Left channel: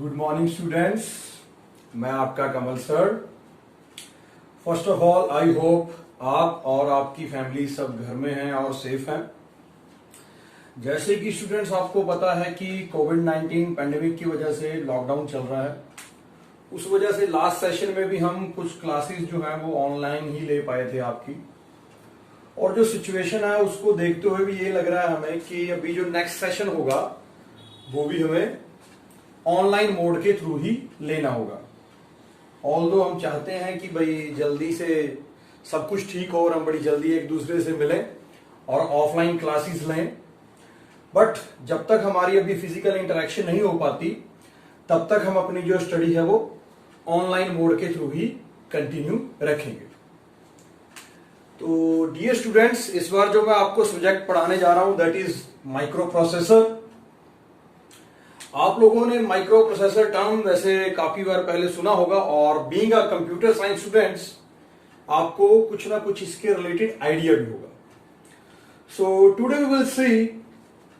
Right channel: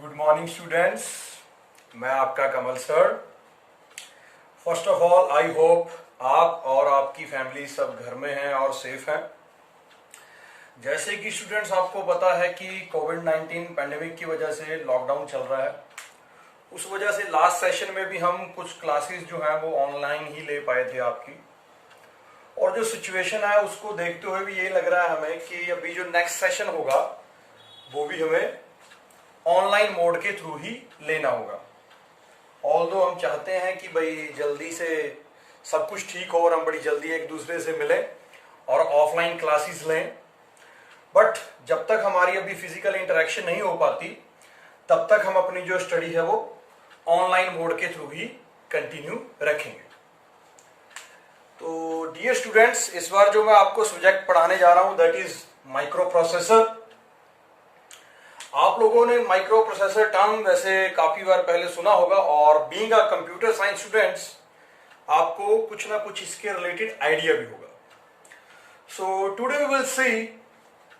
Good morning students. मैं आपका Kamal sir. First of all I hope आप और आपकी फैमिली सब घर में हैं और सेफ हैं। जैसे कि स्टूडेंट्स आपको पता है कि कोविड-19 पैंडेमिक की वजह से लॉकडाउन चल रहा है। उस वजह से लास्ट सेशन में भी हम कुछ क्लासेस जो है वो ऑनलाइन ही ले पाए थे आपकी। और जो सिचुएशन है उसको देखते हुए भी ये लग रहा है हमें कि अभी जो नेक्स्ट सेशन होगा वो भी हमें ऑनलाइन मोड के थ्रू ही लेना होगा। ऑल्दो हम चाहते हैं कि भाई जल्दी से सब कुछ ठीक हो और हम बड़ी जल्दी एक दूसरे से मिलें और ऑफलाइन क्लासेस लें, बट जब तक हमारी अभी फिजिकल इंटरेक्शन नहीं हो पाती तब तक हम अपनी जो स्टडी है वो ऑनलाइन मोड के थ्रू ही कंटिन्यू रखेंगे। तो डियर स्टूडेंट्स, इस बार जो मैं आपको सब्जेक्ट पढ़ाने जा रहा हूं दैट इज माइक्रो प्रोसेसर। आप लोगों ने माइक्रो प्रोसेसर टर्म वैसे काफी बार पहले सुना होगा और being a computer science students आपको कुछ ना कुछ इसके रिलेटेड आइडिया भी होगा। So today we will see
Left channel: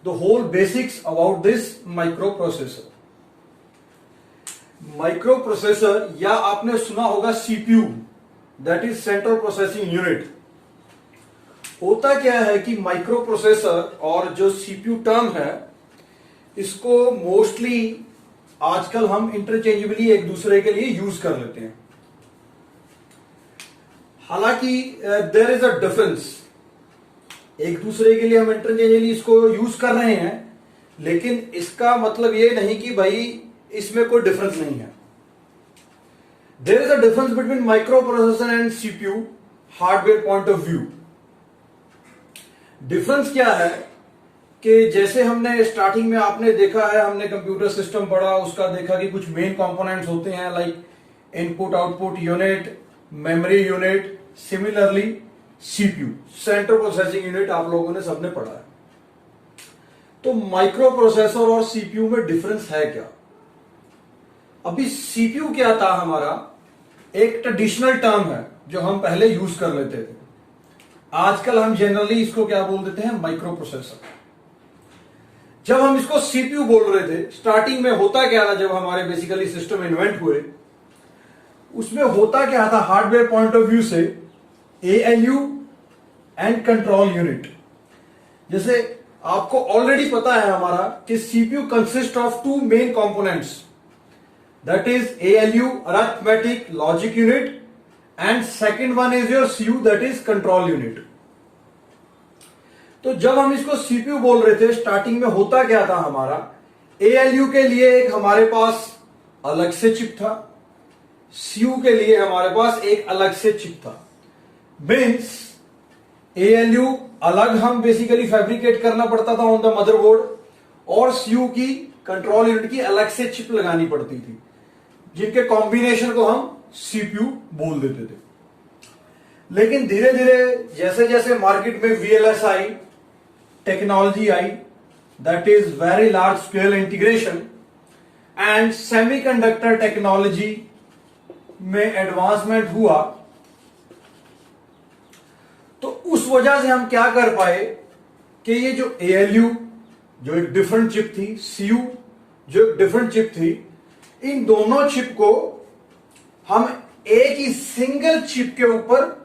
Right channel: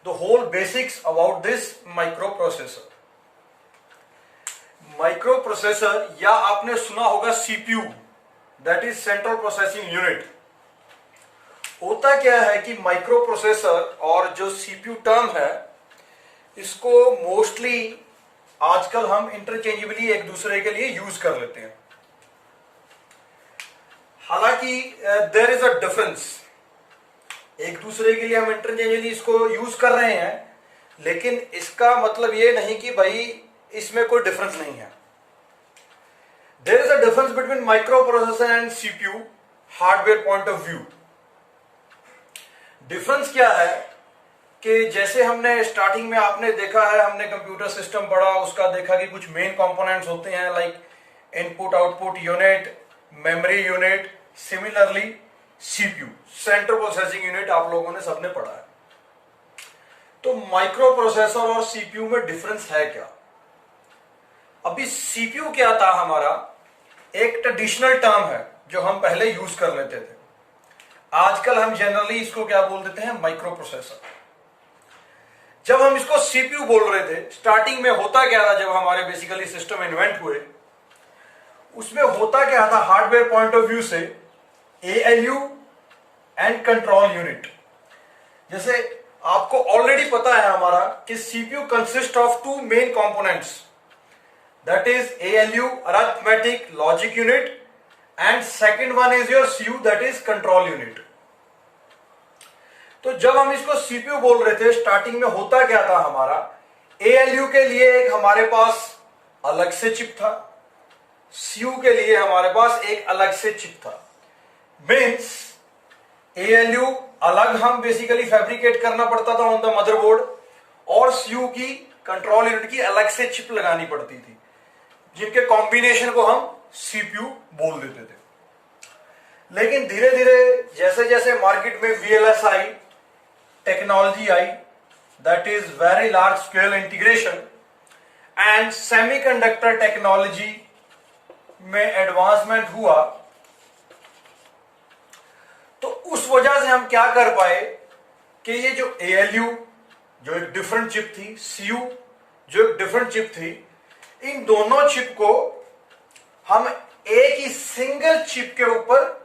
the whole basics about this micro processor. Micro processor या आपने सुना होगा CPU, that is central processing unit. होता क्या है कि माइक्रो प्रोसेसर और जो सीपीयू टर्म है इसको मोस्टली आजकल हम इंटरचेंजेबली एक दूसरे के लिए यूज कर लेते हैं। हालांकि देयर इज अ डिफरेंस, एक दूसरे के लिए हम इंटरचेंजेबली इसको यूज कर रहे हैं, लेकिन इसका मतलब ये नहीं कि भाई इसमें कोई डिफरेंस नहीं है। There is a difference between micro processor and CPU hardware point of view. Difference क्या है कि जैसे हमने स्टार्टिंग में आपने देखा है, हमने कंप्यूटर सिस्टम पढ़ा, उसका देखा कि कुछ मेन कंपोनेंट्स होते हैं like input output unit, memory unit, similarly CPU central processing unit आप लोगों ने सबने पढ़ा है। तो माइक्रो प्रोसेसर और सीपीयू में डिफरेंस है क्या? अभी सीपीयू क्या था हमारा, एक ट्रेडिशनल टर्म है जो हम पहले यूज कर लेते थे। आजकल हम जनरली इसको क्या बोल देते हैं, माइक्रो प्रोसेसर। जब हम इसको सीपीयू बोल रहे थे, स्टार्टिंग में होता क्या था, जब हमारे बेसिकली सिस्टम इन्वेंट हुए उसमें होता क्या था हार्डवेयर पॉइंट ऑफ व्यू से, एएलयू एंड कंट्रोल यूनिट। जैसे आपको ऑलरेडी पता है हमारा कि CPU consist of two main components, that is ALU arithmetic logic unit and second one is your CU that is control unit. तो जब हम इसको सीपीयू बोल रहे थे स्टार्टिंग में होता क्या था हमारा, एएलयू के लिए एक हमारे पास अलग से चिप था, सीयू के लिए हमारे पास एक अलग से चिप था। मीन्स एएलयू अलग हम बेसिकली फैब्रिकेट करना पड़ता था ऑन द मदरबोर्ड और सीयू की कंट्रोल यूनिट की अलग से चिप लगानी पड़ती थी, जिनके कॉम्बिनेशन को हम सीपीयू बोल देते थे। लेकिन धीरे धीरे जैसे जैसे मार्केट में VLSI technology I, that is very large scale integration, and semiconductor technology में एडवांसमेंट हुआ, तो उस वजह से हम क्या कर पाए कि ये जो एएलयू जो एक डिफरेंट चिप थी, सीयू जो एक डिफरेंट चिप थी, इन दोनों चिप को हम एक ही सिंगल चिप के ऊपर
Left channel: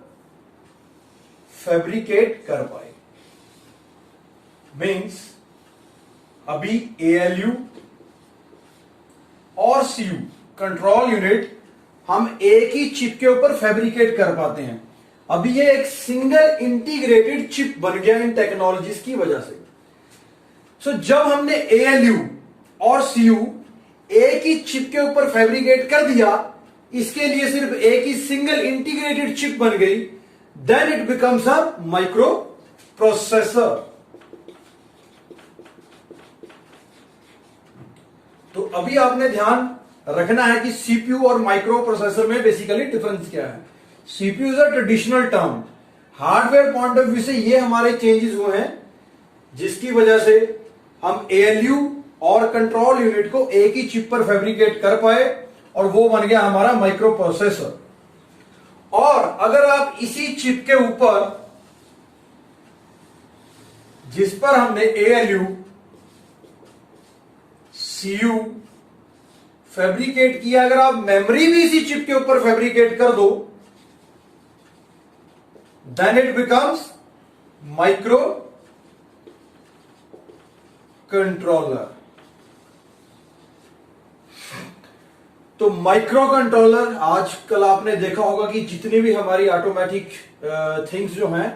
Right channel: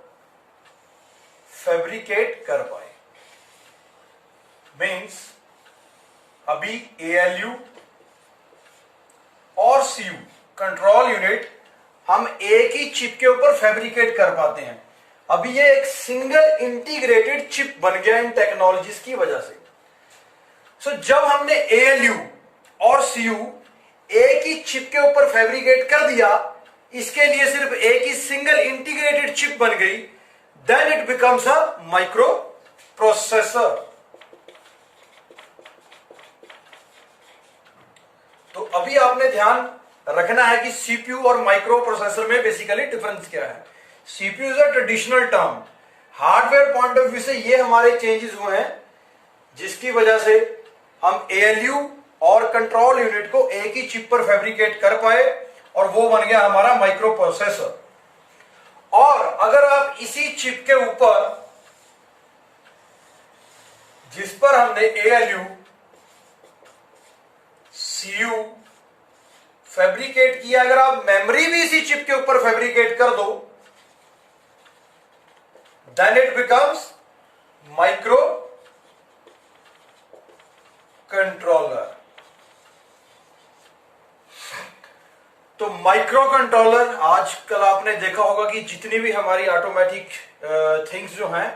फैब्रिकेट कर पाए। मीन्स अभी एएलयू और सीयू कंट्रोल यूनिट हम एक ही चिप के ऊपर फैब्रिकेट कर पाते हैं। अभी ये एक सिंगल इंटीग्रेटेड चिप बन गया इन टेक्नोलॉजीज की वजह से। सो जब हमने एएलयू और सीयू एक ही चिप के ऊपर फैब्रिकेट कर दिया, इसके लिए सिर्फ एक ही सिंगल इंटीग्रेटेड चिप बन गई, then it becomes a micro processor. तो अभी आपने ध्यान रखना है कि सीपीयू और माइक्रो प्रोसेसर में बेसिकली डिफरेंस क्या है। CPU is a traditional term, hardware point of view से ये हमारे चेंजेस हुए हैं, जिसकी वजह से हम एएलयू और कंट्रोल यूनिट को एक ही चिप पर फैब्रिकेट कर पाए और वो बन गया हमारा माइक्रो प्रोसेसर। और अगर आप इसी चिप के ऊपर जिस पर हमने एएलयू, सीयू, फैब्रिकेट किया, अगर आप मेमोरी भी इसी चिप के ऊपर फैब्रिकेट कर दो, then it becomes micro controller. तो माइक्रो कंट्रोलर, आजकल आपने देखा होगा कि जितनी भी हमारी ऑटोमेटिक थिंग्स जो हैं,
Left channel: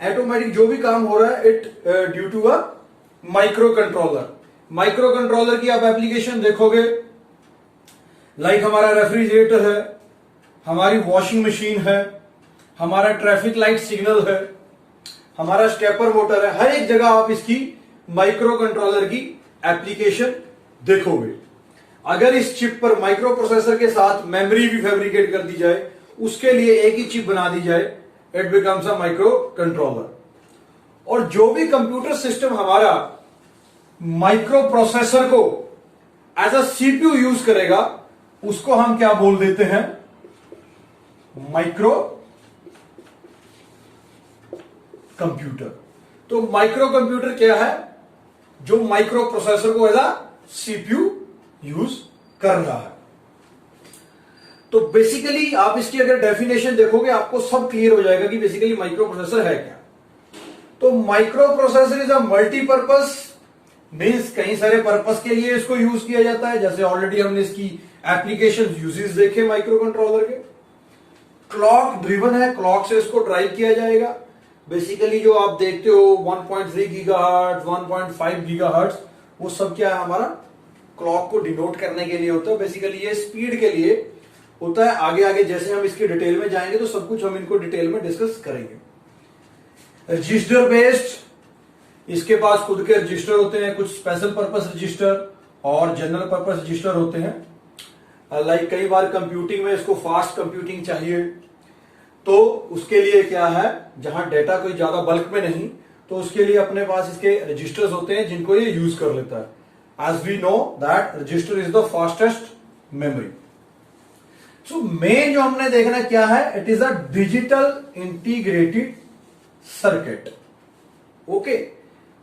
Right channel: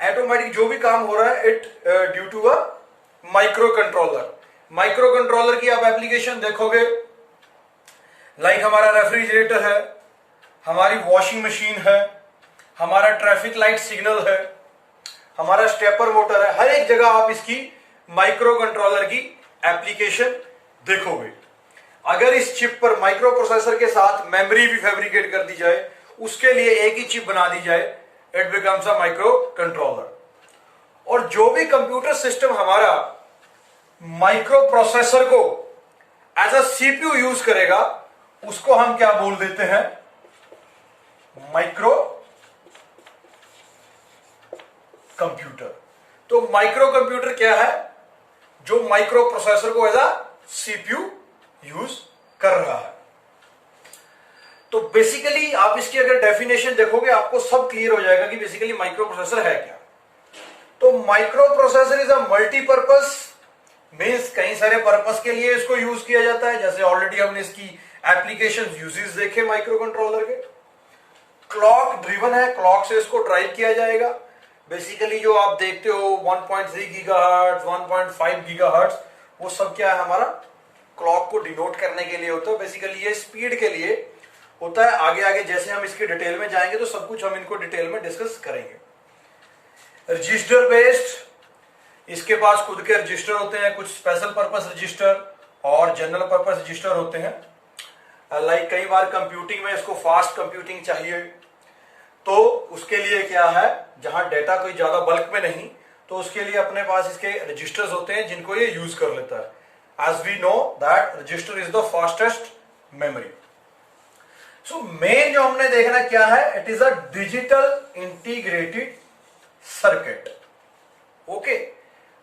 ऑटोमेटिक जो भी काम हो रहा है, it due to a micro controller. Micro controller की आप एप्लीकेशन देखोगे, लाइक हमारा रेफ्रिजरेटर है, हमारी वॉशिंग मशीन है, हमारा ट्रैफिक लाइट सिग्नल है, हमारा स्टेपर मोटर है, हर एक जगह आप इसकी माइक्रो कंट्रोलर की एप्लीकेशन देखोगे। अगर इस चिप पर माइक्रो प्रोसेसर के साथ मेमोरी भी फैब्रिकेट कर दी जाए, उसके लिए एक ही चिप बना दी जाए, it becomes a micro controller. और जो भी कंप्यूटर सिस्टम हमारा माइक्रो प्रोसेसर को एज अ सीपीयू यूज करेगा, उसको हम क्या बोल देते हैं? Micro computer. तो माइक्रो कंप्यूटर क्या है? जो माइक्रो प्रोसेसर को एज अ सीपीयू यूज कर रहा है। तो बेसिकली आप इसकी अगर डेफिनेशन देखोगे, आपको सब क्लियर हो जाएगा कि बेसिकली माइक्रो प्रोसेसर है क्या। तो micro processor is a multipurpose, means कई सारे पर्पस के लिए इसको यूज किया जाता है। जैसे ऑलरेडी हमने इसकी एप्लीकेशन यूजेस देखे माइक्रो कंट्रोलर के। क्लॉक ड्रिवन है, क्लॉक से इसको ड्राइव किया जाएगा। बेसिकली जो आप देखते हो 1.3 गीगाहर्ट्ज, 1.5 गीगाहर्ट्ज, वो सब क्या है? हमारा क्लॉक को डिनोट करने के लिए होता है। बेसिकली ये स्पीड के लिए होता है। आगे आगे जैसे हम इसके डिटेल में जाएंगे तो सब कुछ हम इनको डिटेल में डिस्कस करेंगे। रजिस्टर बेस्ड, इसके पास खुद के रजिस्टर होते हैं, कुछ स्पेशल पर्पस रजिस्टर और जनरल पर्पस रजिस्टर होते हैं। लाइक कई बार कंप्यूटिंग में इसको फास्ट कंप्यूटिंग चाहिए, तो उसके लिए क्या है, जहां डेटा कोई ज्यादा बल्क में नहीं, तो उसके लिए अपने पास इसके रजिस्टर्स होते हैं जिनको ये यूज कर लेता है। As we know that register is the fastest memory. So main जो हमने देखना क्या है, it is a digital integrated circuit. Okay,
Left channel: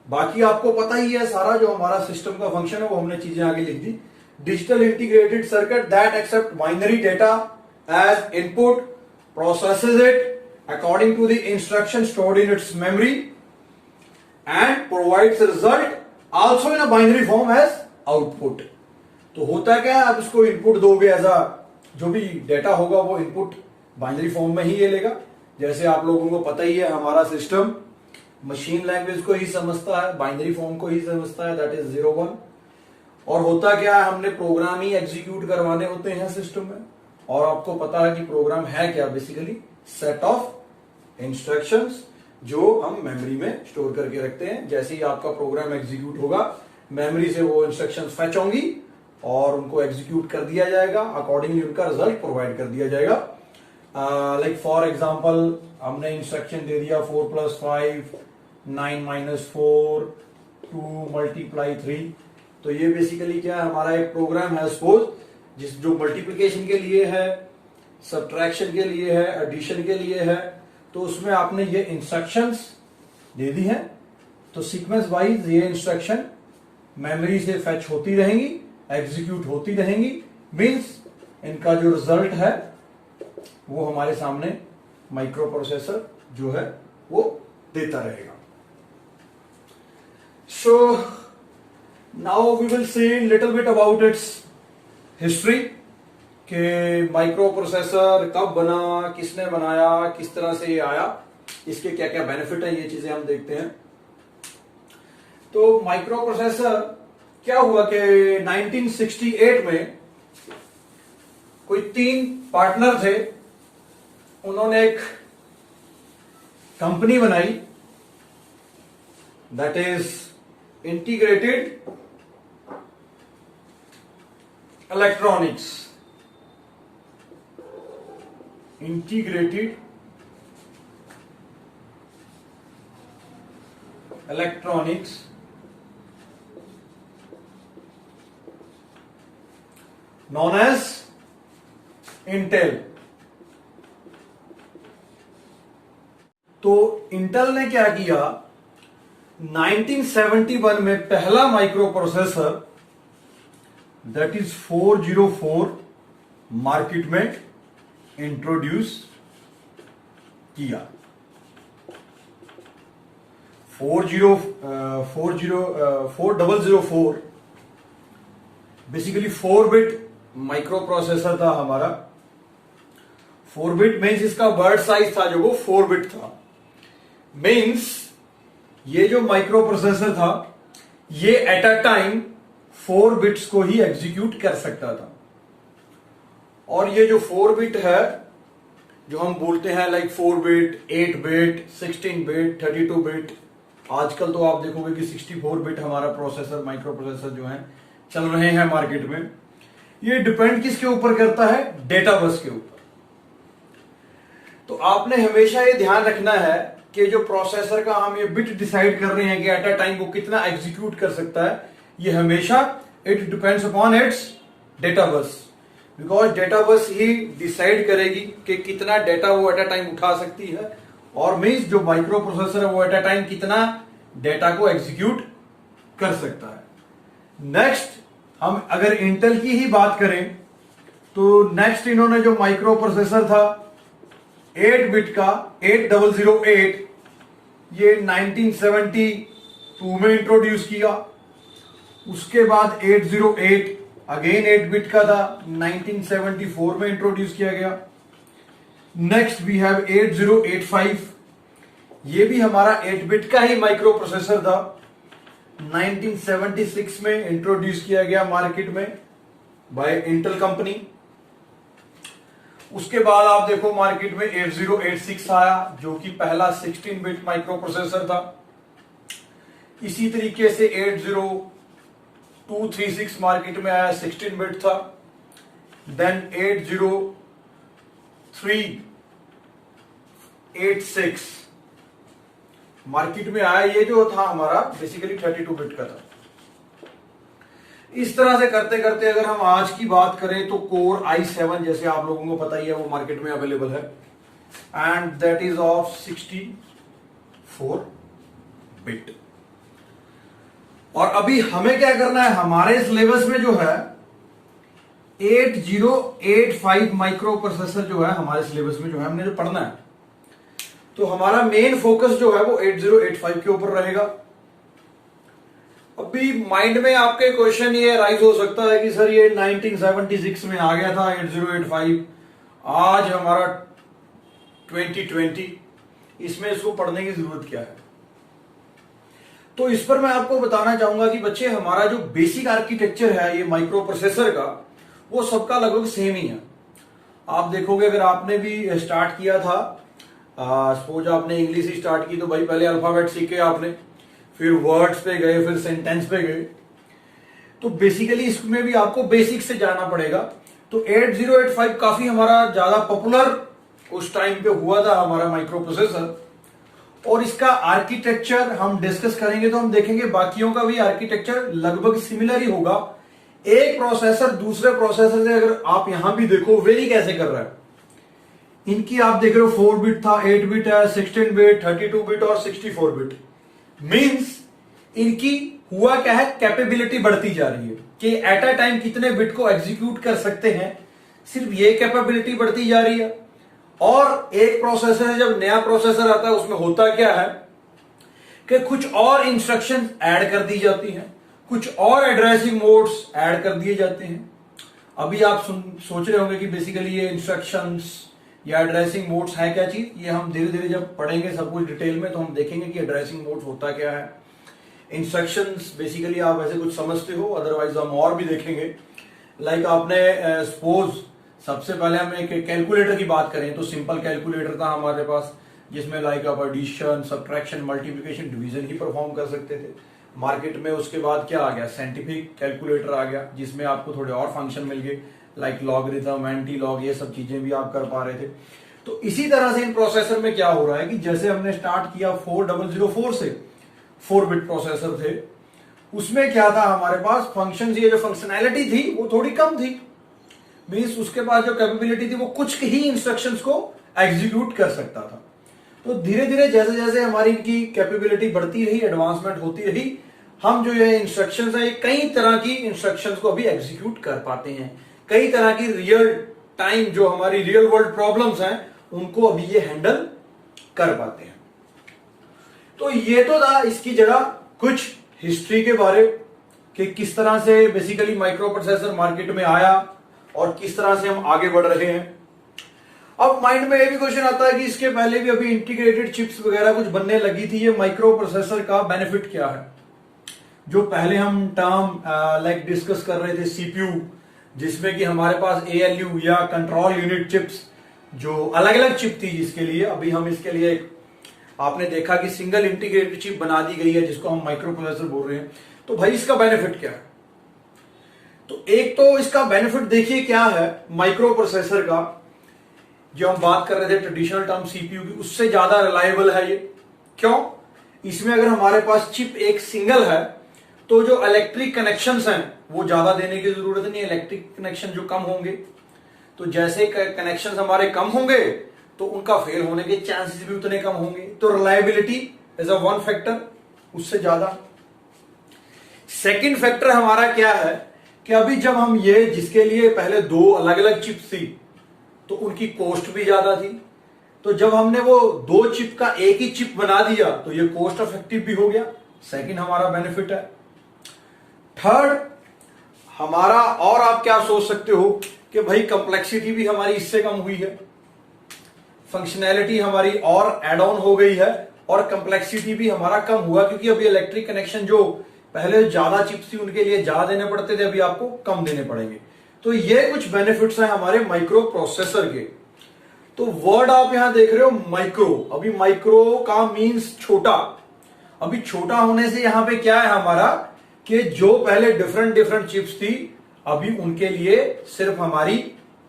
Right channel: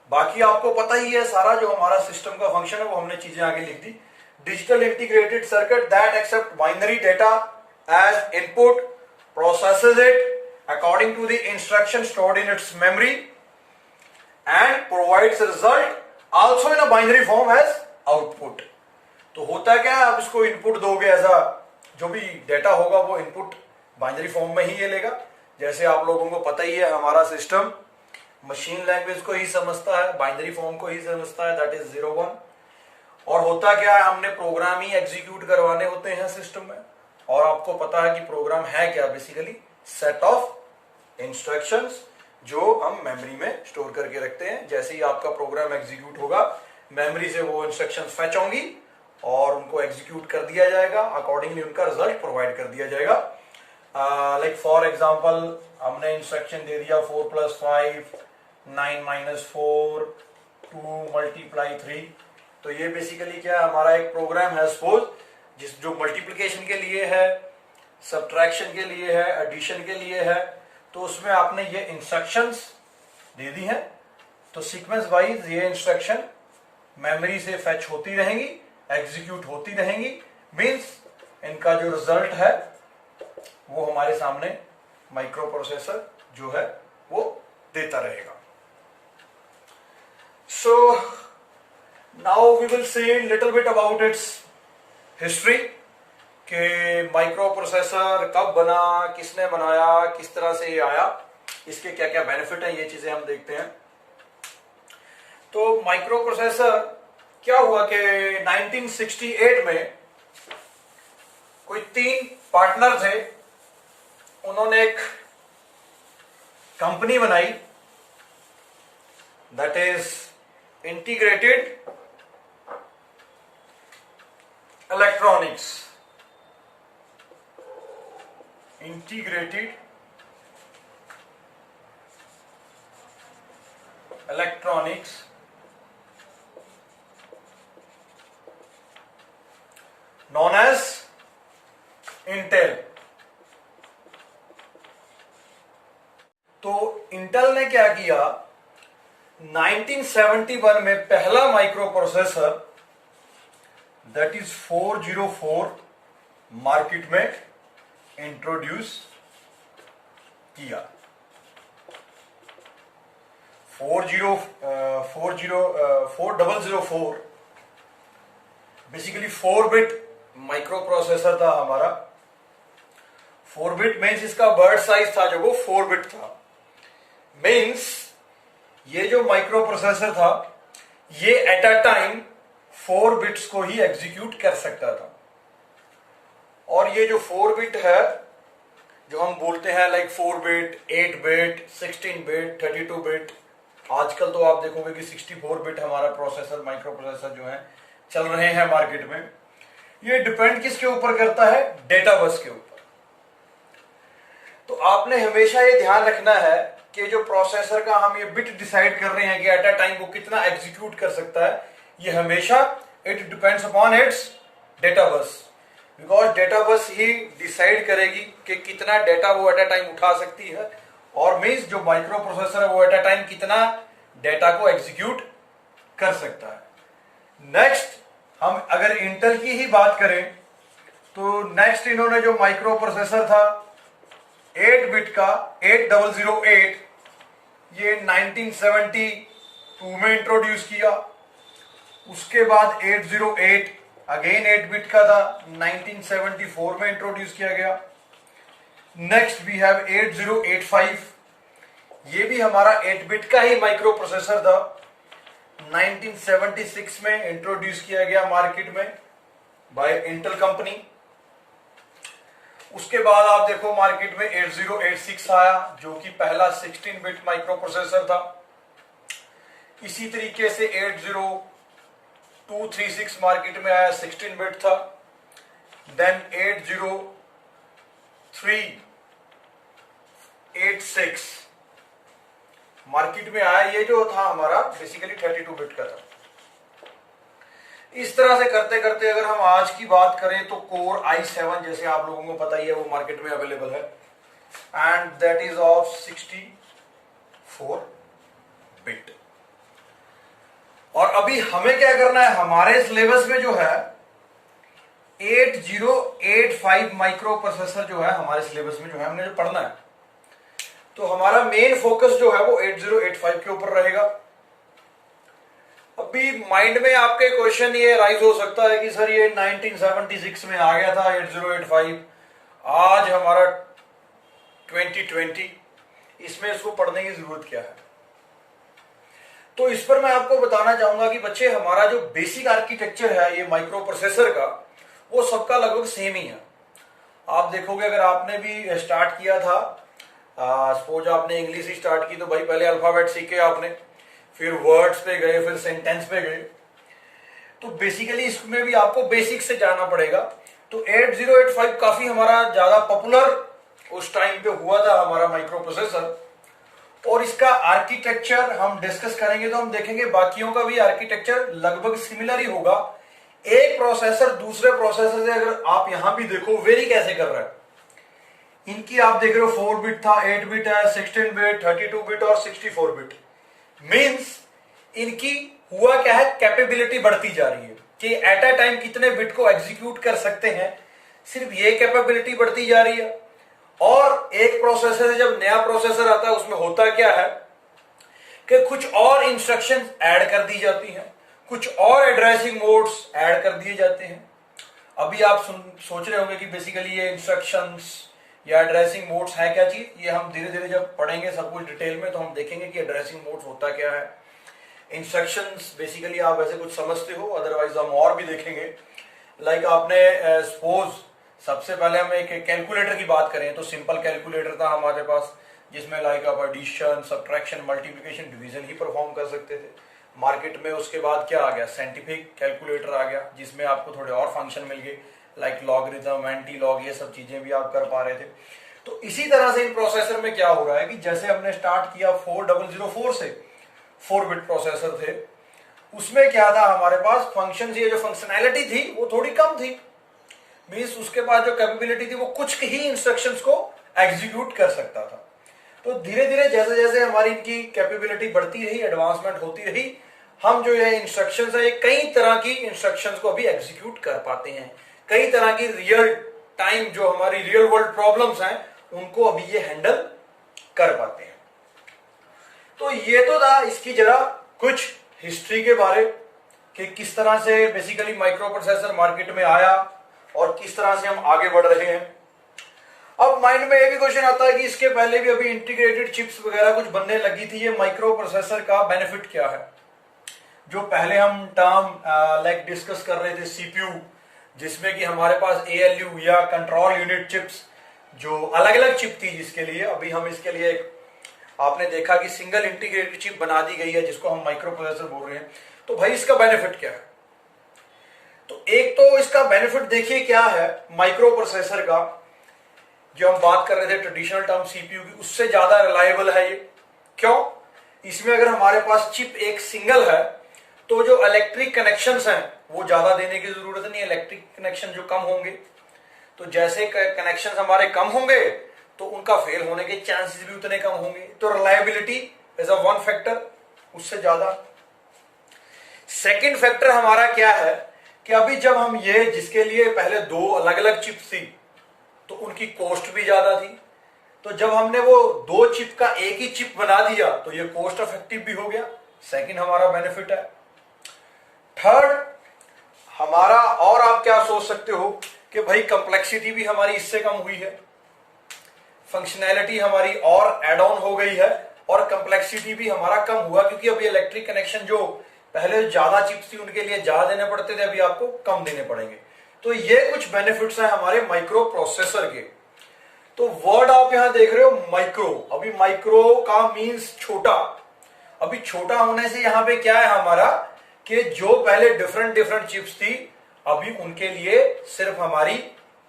बाकी आपको पता ही है सारा जो हमारा सिस्टम का फंक्शन है, वो हमने चीजें आगे लिख दी। Digital integrated circuit that accept binary data as input, processes it according to the instruction stored in its memory and provides result also in a binary form as output। तो होता क्या है, आप इसको इनपुट दोगे एज अ, जो भी data होगा वो इनपुट बाइनरी फॉर्म में ही ये लेगा। जैसे आप लोगों को पता ही है, हमारा सिस्टम मशीन लैंग्वेज को ही समझता है, बाइनरी फॉर्म को ही समझता है, दैट इज 0 1। और होता क्या है, हमने प्रोग्राम ही एग्जीक्यूट करवाने होते हैं सिस्टम में। और आपको पता है कि प्रोग्राम है क्या? बेसिकली सेट ऑफ इंस्ट्रक्शंस जो हम मेमोरी में स्टोर करके रखते हैं। जैसे ही आपका प्रोग्राम एग्जीक्यूट होगा, मेमोरी से वो इंस्ट्रक्शंस फेच होंगी और उनको एग्जीक्यूट कर दिया जाएगा, अकॉर्डिंगली उनका रिजल्ट प्रोवाइड कर दिया जाएगा। लाइक फॉर एग्जांपल, हमने इंस्ट्रक्शन दे दिया 4 + 5, 9 - 4, 2 × 3। तो ये बेसिकली क्या है, हमारा एक प्रोग्राम है सपोज, जो मल्टीप्लिकेशन के लिए है, सब्ट्रैक्शन के लिए है, एडिशन के लिए है। तो उसमें आपने ये इंस्ट्रक्शंस दे दी हैं, तो सीक्वेंस वाइज ये इंस्ट्रक्शन मेमोरी से फेच होती रहेंगी, एग्जीक्यूट होती रहेंगी। मींस इनका जो रिजल्ट है वो हमारे सामने माइक्रो प्रोसेसर जो है वो देता रहेगा। So now we will see little bit about its history, कि माइक्रो प्रोसेसर कब बना, किसने बनाया, किस तरह से ये आया, इसके क्या क्या बेनिफिट है, ये चीजें हम देखते हैं। तो माइक्रो प्रोसेसर क्या हुआ कि 1968 में कोई 3 पार्टनर थे, उन्होंने एक कंपनी बनाई, that is integrated electronics. Integrated electronics known as Intel. तो इंटेल ने क्या किया, 1971 में पहला माइक्रो प्रोसेसर दैट इज 404 मार्केट में इंट्रोड्यूस किया। 4004 बेसिकली 4 बिट माइक्रो प्रोसेसर था हमारा। 4 बिट मीन्स इसका वर्ड साइज था जो वो 4 बिट था। मीन्स ये जो माइक्रो प्रोसेसर था ये एट अ टाइम 4 बिट्स को ही एग्जीक्यूट कर सकता था। और ये जो 4 बिट है जो हम बोलते हैं like 4 bit, 8 bit, 16 bit, 32 bit, आजकल तो आप देखोगे कि 64 बिट हमारा प्रोसेसर, माइक्रो प्रोसेसर जो है चल रहे हैं मार्केट में। ये डिपेंड किसके ऊपर करता है? डेटा बस के ऊपर। तो आपने हमेशा ये ध्यान रखना है कि जो प्रोसेसर का हम ये बिट डिसाइड कर रहे हैं कि एट अ टाइम वो कितना एग्जीक्यूट कर सकता है, ये हमेशा it depends upon its data bus. Because data bus he decide करेगी कि कितना डेटा वो एट अ टाइम उठा सकती है, और मीन्स जो माइक्रो प्रोसेसर है वो एट अ टाइम कितना डेटा को एग्जीक्यूट कर सकता है। नेक्स्ट हम अगर इंटेल की ही बात करें तो नेक्स्ट इन्होंने जो माइक्रो प्रोसेसर था 8 बिट का 8008, ये 1972 में इंट्रोड्यूस किया। उसके बाद 808 अगेन 8 बिट का था, 1974 में इंट्रोड्यूस किया गया। नेक्स्ट वी हैव 8085, ये भी हमारा 8 बिट का ही माइक्रो प्रोसेसर था, 1976 में इंट्रोड्यूस किया गया मार्केट में बाय इंटेल कंपनी। उसके बाद आप देखो मार्केट में 8086 आया जो कि पहला 16 बिट माइक्रो प्रोसेसर था। इसी तरीके से 80236 मार्केट में आया, 16 बिट था। देन 80386 मार्केट में आया, ये जो था हमारा बेसिकली 32 बिट का था। इस तरह से करते करते अगर हम आज की बात करें तो कोर i7 जैसे आप लोगों को पता ही है वो मार्केट में अवेलेबल है, and that is of 64 bit. और अभी हमें क्या करना है, हमारे सिलेबस में जो है 8085 माइक्रो प्रोसेसर जो है हमारे सिलेबस में जो है हमने जो पढ़ना है, तो हमारा मेन फोकस जो है वो 8085 के ऊपर रहेगा। अभी माइंड में आपके क्वेश्चन ये राइज हो सकता है कि सर ये 1976 में आ गया था 8085, आज हमारा 2020, इसमें इसको पढ़ने की जरूरत क्या है? तो इस पर मैं आपको बताना चाहूंगा कि बच्चे हमारा जो बेसिक आर्किटेक्चर है ये माइक्रो प्रोसेसर का, वो सबका लगभग सेम ही है। आप देखोगे अगर आपने भी स्टार्ट किया था, सपोज आपने इंग्लिश ही स्टार्ट की, तो भाई पहले अल्फाबेट सीखे आपने, फिर वर्ड्स पे गए, फिर सेंटेंस पे गए, तो बेसिकली इसमें भी आपको बेसिक से जाना पड़ेगा। तो 8085 काफी हमारा ज्यादा पॉपुलर उस टाइम पे हुआ था हमारा माइक्रो प्रोसेसर, और इसका आर्किटेक्चर हम डिस्कस करेंगे तो हम देखेंगे बाकियों का भी आर्किटेक्चर लगभग सिमिलर ही होगा। एक प्रोसेसर दूसरे प्रोसेसर से अगर आप यहां भी देखो वेरी कैसे कर रहा है, इनकी आप देख रहे हो 4 बिट था, 8 बिट है, 16 बिट, 32 बिट और 64 बिट। मींस इनकी हुआ क्या है, कैपेबिलिटी बढ़ती जा रही है कि एट अ टाइम कितने बिट को एग्जीक्यूट कर सकते हैं, सिर्फ ये कैपेबिलिटी बढ़ती जा रही है। और एक प्रोसेसर से जब नया प्रोसेसर आता है उसमें होता क्या है कि कुछ और इंस्ट्रक्शन ऐड कर दी जाती हैं, कुछ और एड्रेसिंग मोड्स ऐड कर दिए जाते हैं। अभी आप सोच रहे होंगे कि बेसिकली ये इंस्ट्रक्शंस या एड्रेसिंग मोड्स है क्या चीज, ये हम धीरे धीरे जब पढ़ेंगे सब कुछ डिटेल में तो हम देखेंगे कि एड्रेसिंग मोड्स होता क्या है। इंस्ट्रक्शंस बेसिकली आप ऐसे कुछ समझते हो, अदरवाइज हम और भी देखेंगे। लाइक आपने सपोज सबसे पहले हम एक कैलकुलेटर की बात करें तो सिंपल कैलकुलेटर था हमारे पास, जिसमें लाइक आप एडिशन, सब्ट्रैक्शन, मल्टीप्लिकेशन, डिवीजन ही परफॉर्म कर सकते थे। मार्केट में उसके बाद क्या आ गया, साइंटिफिक कैलकुलेटर आ गया, जिसमें आपको थोड़े और फंक्शन मिल गए लाइक लॉगरिथम, एंटी लॉग, ये सब चीजें भी आप कर पा रहे थे। तो इसी तरह से इन प्रोसेसर में क्या हो रहा है कि जैसे हमने स्टार्ट किया 4004 से, 4 बिट प्रोसेसर थे, उसमें क्या था हमारे पास फंक्शन, ये जो फंक्शनैलिटी थी वो थोड़ी कम थी। मीन्स उसके पास जो कैपेबिलिटी थी वो कुछ ही इंस्ट्रक्शंस को एग्जीक्यूट कर सकता था। तो धीरे धीरे जैसे जैसे हमारी इनकी कैपेबिलिटी बढ़ती रही, एडवांसमेंट होती रही, हम जो ये इंस्ट्रक्शंस है, ये कई तरह की इंस्ट्रक्शंस को अभी एग्जीक्यूट कर पाते हैं। कई तरह की रियल टाइम जो हमारी रियल वर्ल्ड प्रॉब्लम्स हैं उनको अभी ये हैंडल कर पाते हैं। तो ये तो था इसकी जरा कुछ हिस्ट्री के बारे कि किस तरह से बेसिकली माइक्रो प्रोसेसर मार्केट में आया और किस तरह से हम आगे बढ़ रहे हैं। अब माइंड में ये भी क्वेश्चन आता है कि इसके पहले भी अभी इंटीग्रेटेड चिप्स वगैरह कुछ बनने लगी थी, ये माइक्रो प्रोसेसर का बेनिफिट क्या है? जो पहले हम टर्म लाइक डिस्कस कर रहे थे सीपीयू, जिसमें कि हमारे पास एएलयू या कंट्रोल यूनिट चिप्स जो अलग अलग चिप थी, जिसके लिए अभी हम इसके लिए आपने देखा कि सिंगल इंटीग्रेटेड चिप बना दी गई है जिसको हम माइक्रो प्रोसेसर बोल रहे हैं। तो भाई इसका बेनिफिट क्या है? तो एक तो इसका बेनिफिट देखिए क्या है माइक्रो प्रोसेसर का, जो हम बात कर रहे थे ट्रेडिशनल टर्म सीपीयू की, उससे ज्यादा रिलायबल है ये। क्यों? इसमें अगर हमारे पास चिप एक सिंगल है तो जो इलेक्ट्रिक कनेक्शंस हैं वो ज्यादा देने की जरूरत नहीं। इलेक्ट्रिक कनेक्शन जो कम होंगे, तो जैसे कनेक्शंस हमारे कम होंगे तो उनका फेल होने के चांसेस भी उतने कम होंगे। तो reliability is a one factor उससे ज्यादा। सेकंड फैक्टर हमारा क्या है कि अभी जब हम ये जिसके लिए पहले दो अलग अलग चिप्स थी तो उनकी कॉस्ट भी ज्यादा थी, तो जब हमने वो दो चिप का एक ही चिप बना दिया तो ये कॉस्ट इफेक्टिव भी हो गया। सेकंड हमारा बेनिफिट है। थर्ड हमारा, और आप क्या सोच सकते हो कि भाई कंप्लेक्सिटी भी हमारी इससे कम हुई है, फंक्शनैलिटी हमारी और एड ऑन हो गई है और कंप्लेक्सिटी भी हमारा कम हुआ, क्योंकि अभी इलेक्ट्रिक कनेक्शन जो पहले ज्यादा चिप्स थी उनके लिए ज्यादा देने पड़ते थे, अभी आपको कम देने पड़ेंगे। तो ये कुछ बेनिफिट्स हैं हमारे माइक्रो प्रोसेसर के। तो वर्ड आप यहां देख रहे हो माइक्रो, अभी माइक्रो का मींस छोटा। अभी छोटा होने से यहां पे क्या है हमारा कि जो पहले डिफरेंट डिफरेंट चिप्स थी अभी उनके लिए सिर्फ हमारी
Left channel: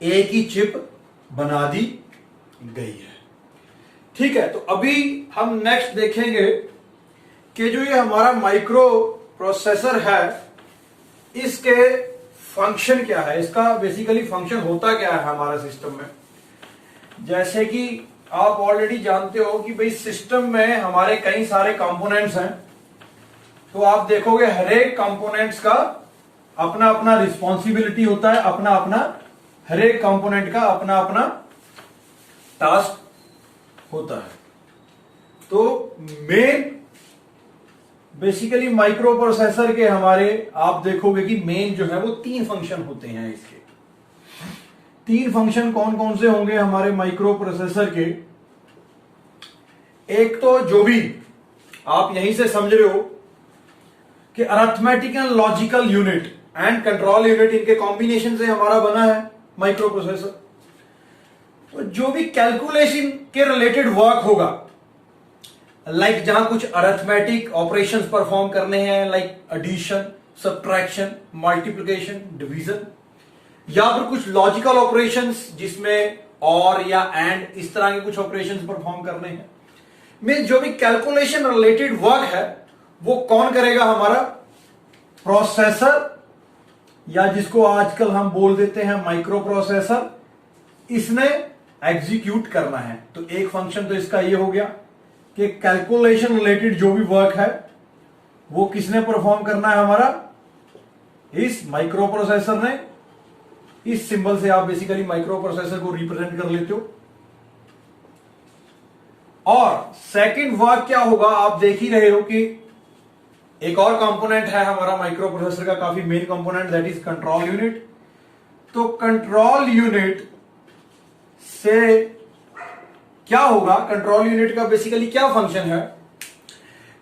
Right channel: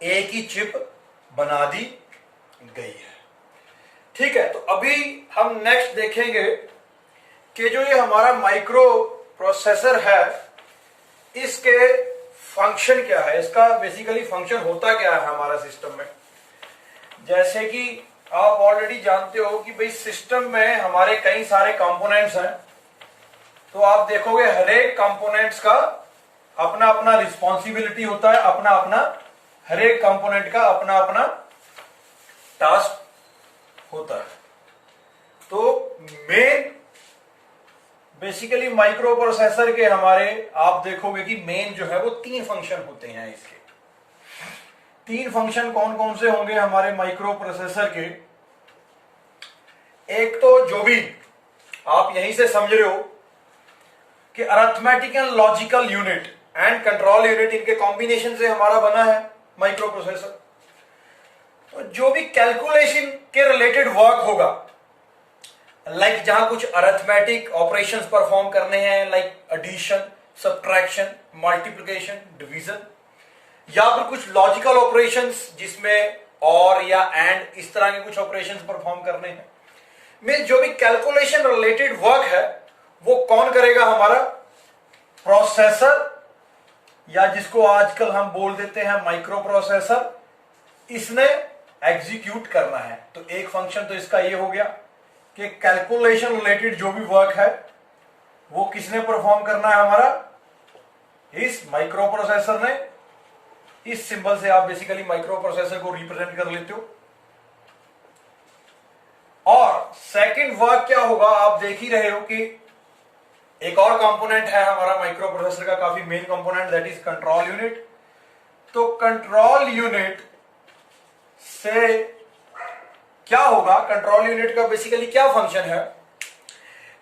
एक ही चिप बना दी गई है। ठीक है, तो अभी हम नेक्स्ट देखेंगे कि जो ये हमारा माइक्रो प्रोसेसर है इसके फंक्शन क्या है, इसका बेसिकली फंक्शन होता क्या है हमारा सिस्टम में। जैसे कि आप ऑलरेडी जानते हो कि भाई सिस्टम में हमारे कई सारे कंपोनेंट्स हैं, तो आप देखोगे हर एक कंपोनेंट्स का अपना अपना रिस्पॉन्सिबिलिटी होता है, अपना अपना, हर एक कंपोनेंट का अपना अपना टास्क होता है। तो मेन बेसिकली माइक्रो प्रोसेसर के हमारे आप देखोगे कि मेन जो है वो तीन फंक्शन होते हैं। इसके तीन फंक्शन कौन कौन से होंगे हमारे माइक्रो प्रोसेसर के? एक तो जो भी आप यहीं से समझ रहे हो कि arithmetic and logical unit and control unit, इनके कॉम्बिनेशन से हमारा बना है माइक्रो प्रोसेसर। तो जो भी कैलकुलेशन के रिलेटेड वर्क होगा, लाइक जहां कुछ अरिथमेटिक ऑपरेशंस परफॉर्म करने हैं, like addition, subtraction, multiplication, division, या फिर कुछ लॉजिकल ऑपरेशंस जिसमें और या एंड इस तरह के कुछ ऑपरेशंस परफॉर्म करने हैं, में जो भी कैलकुलेशन रिलेटेड वर्क है वो कौन करेगा? हमारा प्रोसेसर, या जिसको आजकल हम बोल देते हैं माइक्रो प्रोसेसर, इसने एग्जीक्यूट करना है। तो एक फंक्शन तो इसका ये हो गया कि कैलकुलेशन रिलेटेड जो भी वर्क है वो किसने परफॉर्म करना है? हमारा इस माइक्रो प्रोसेसर ने। इस सिंबल से आप बेसिकली माइक्रो प्रोसेसर को रिप्रेजेंट कर लेते हो। और सेकंड वर्क क्या होगा, आप देख ही रहे हो कि एक और कंपोनेंट है हमारा माइक्रो प्रोसेसर का, काफी main component, that is control unit. तो कंट्रोल यूनिट से क्या होगा? कंट्रोल यूनिट का बेसिकली क्या फंक्शन है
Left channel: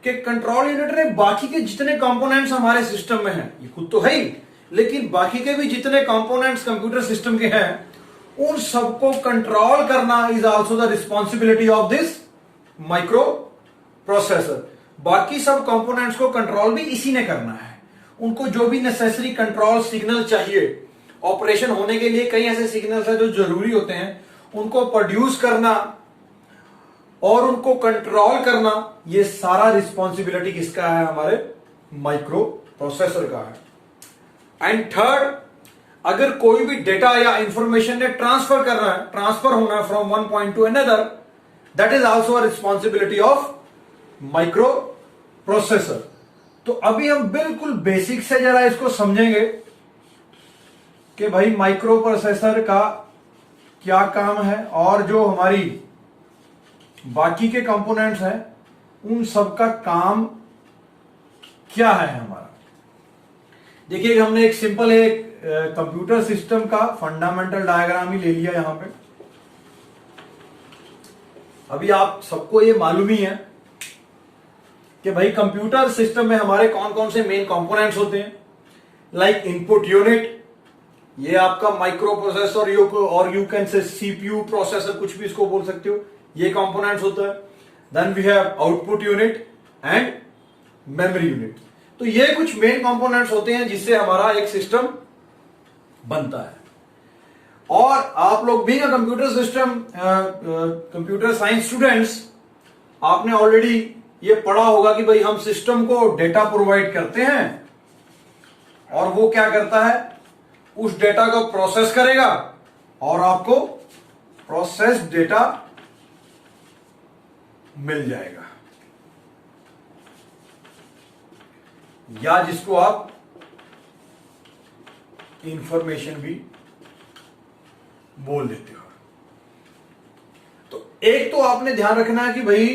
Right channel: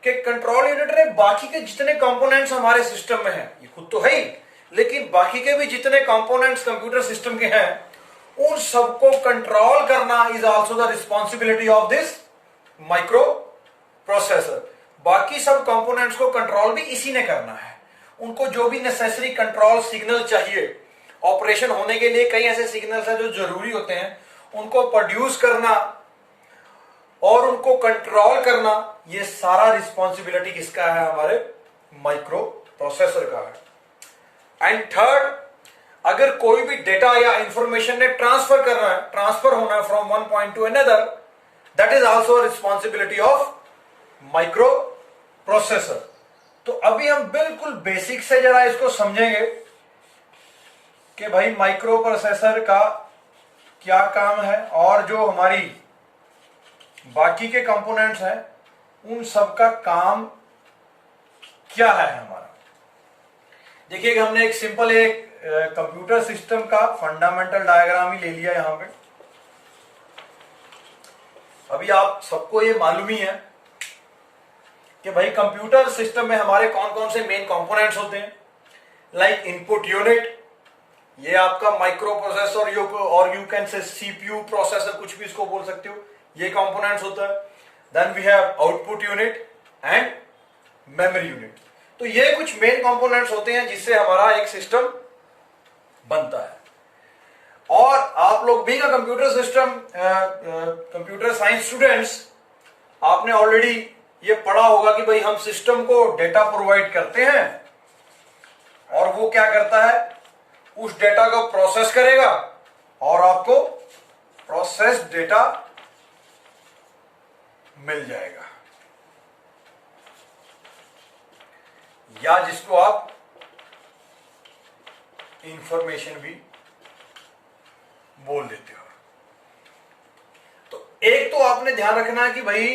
कि कंट्रोल यूनिट ने बाकी के जितने कंपोनेंट्स हमारे सिस्टम में हैं, ये खुद तो है ही, लेकिन बाकी के भी जितने कंपोनेंट्स कंप्यूटर सिस्टम के हैं उन सबको कंट्रोल करना is also the responsibility of this micro processor. बाकी सब कंपोनेंट्स को कंट्रोल भी इसी ने करना है। उनको जो भी नेसेसरी कंट्रोल सिग्नल चाहिए ऑपरेशन होने के लिए, कई ऐसे सिग्नल्स हैं जो जरूरी होते हैं, उनको प्रोड्यूस करना और उनको कंट्रोल करना, ये सारा रिस्पॉन्सिबिलिटी किसका है? हमारे माइक्रो प्रोसेसर का है। एंड थर्ड, अगर कोई भी डेटा या इंफॉर्मेशन ने ट्रांसफर करना है, ट्रांसफर होना है from one point two another, that is also responsibility of micro processor. तो अभी हम बिल्कुल बेसिक से जरा इसको समझेंगे कि भाई माइक्रो प्रोसेसर का क्या काम है और जो हमारी बाकी के कंपोनेंट्स हैं उन सब का काम क्या है हमारा। देखिए हमने एक सिंपल एक कंप्यूटर सिस्टम का फंडामेंटल डायग्राम ही ले लिया यहां पे। अभी आप सबको ये मालूम ही है कि भाई कंप्यूटर सिस्टम में हमारे कौन कौन से मेन कंपोनेंट्स होते हैं। लाइक इनपुट यूनिट, ये आपका माइक्रो प्रोसेसर और you can say CPU processor, कुछ भी इसको बोल सकते हो, ये कंपोनेंट्स होता है। Then we have output unit and memory unit. तो ये कुछ मेन कंपोनेंट्स होते हैं जिससे हमारा एक सिस्टम बनता है। और आप लोग भी ना कंप्यूटर साइंस स्टूडेंट्स, आपने ऑलरेडी ये पढ़ा होगा कि भाई हम सिस्टम को डेटा प्रोवाइड करते हैं और वो क्या करता है, उस डेटा को प्रोसेस करेगा और आपको प्रोसेस डेटा मिल जाएगा, या जिसको आप इंफॉर्मेशन भी बोल देते हो। तो एक तो आपने ध्यान रखना है कि भाई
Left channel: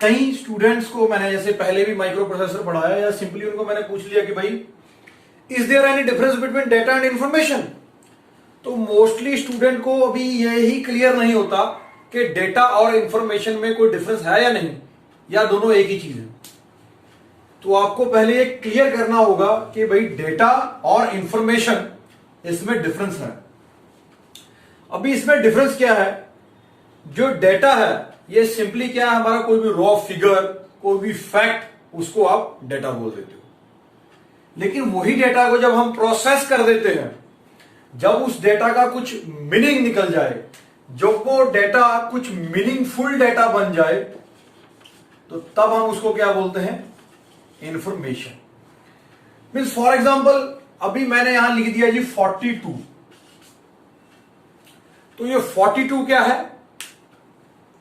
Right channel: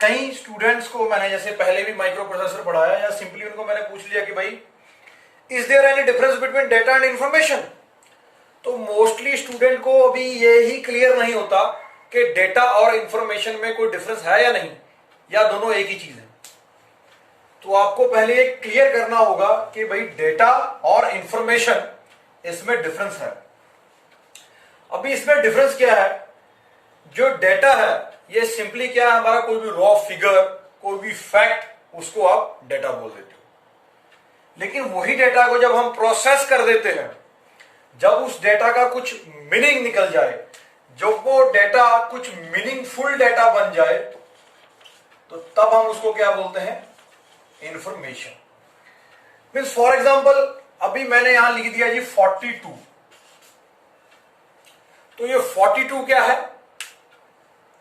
कई स्टूडेंट्स को मैंने जैसे पहले भी माइक्रो प्रोसेसर पढ़ाया, या सिंपली उनको मैंने पूछ लिया कि भाई is there any difference between data and information, तो मोस्टली स्टूडेंट को अभी ये ही क्लियर नहीं होता कि डेटा और इंफॉर्मेशन में कोई डिफरेंस है या नहीं, या दोनों एक ही चीज है। तो आपको पहले ये क्लियर करना होगा कि भाई डेटा और इंफॉर्मेशन, इसमें डिफरेंस है। अभी इसमें डिफरेंस क्या है, जो डेटा है ये सिंपली क्या है, हमारा कोई भी रॉ फिगर, कोई भी फैक्ट, उसको आप डेटा बोल देते हो। लेकिन वही डेटा को जब हम प्रोसेस कर देते हैं, जब उस डेटा का कुछ मीनिंग निकल जाए, जब वो डेटा कुछ मीनिंगफुल डेटा बन जाए, तो तब हम उसको क्या बोलते हैं, इंफॉर्मेशन। मीन्स फॉर एग्जाम्पल अभी मैंने यहां लिख दिया जी 42, तो ये 42 क्या है,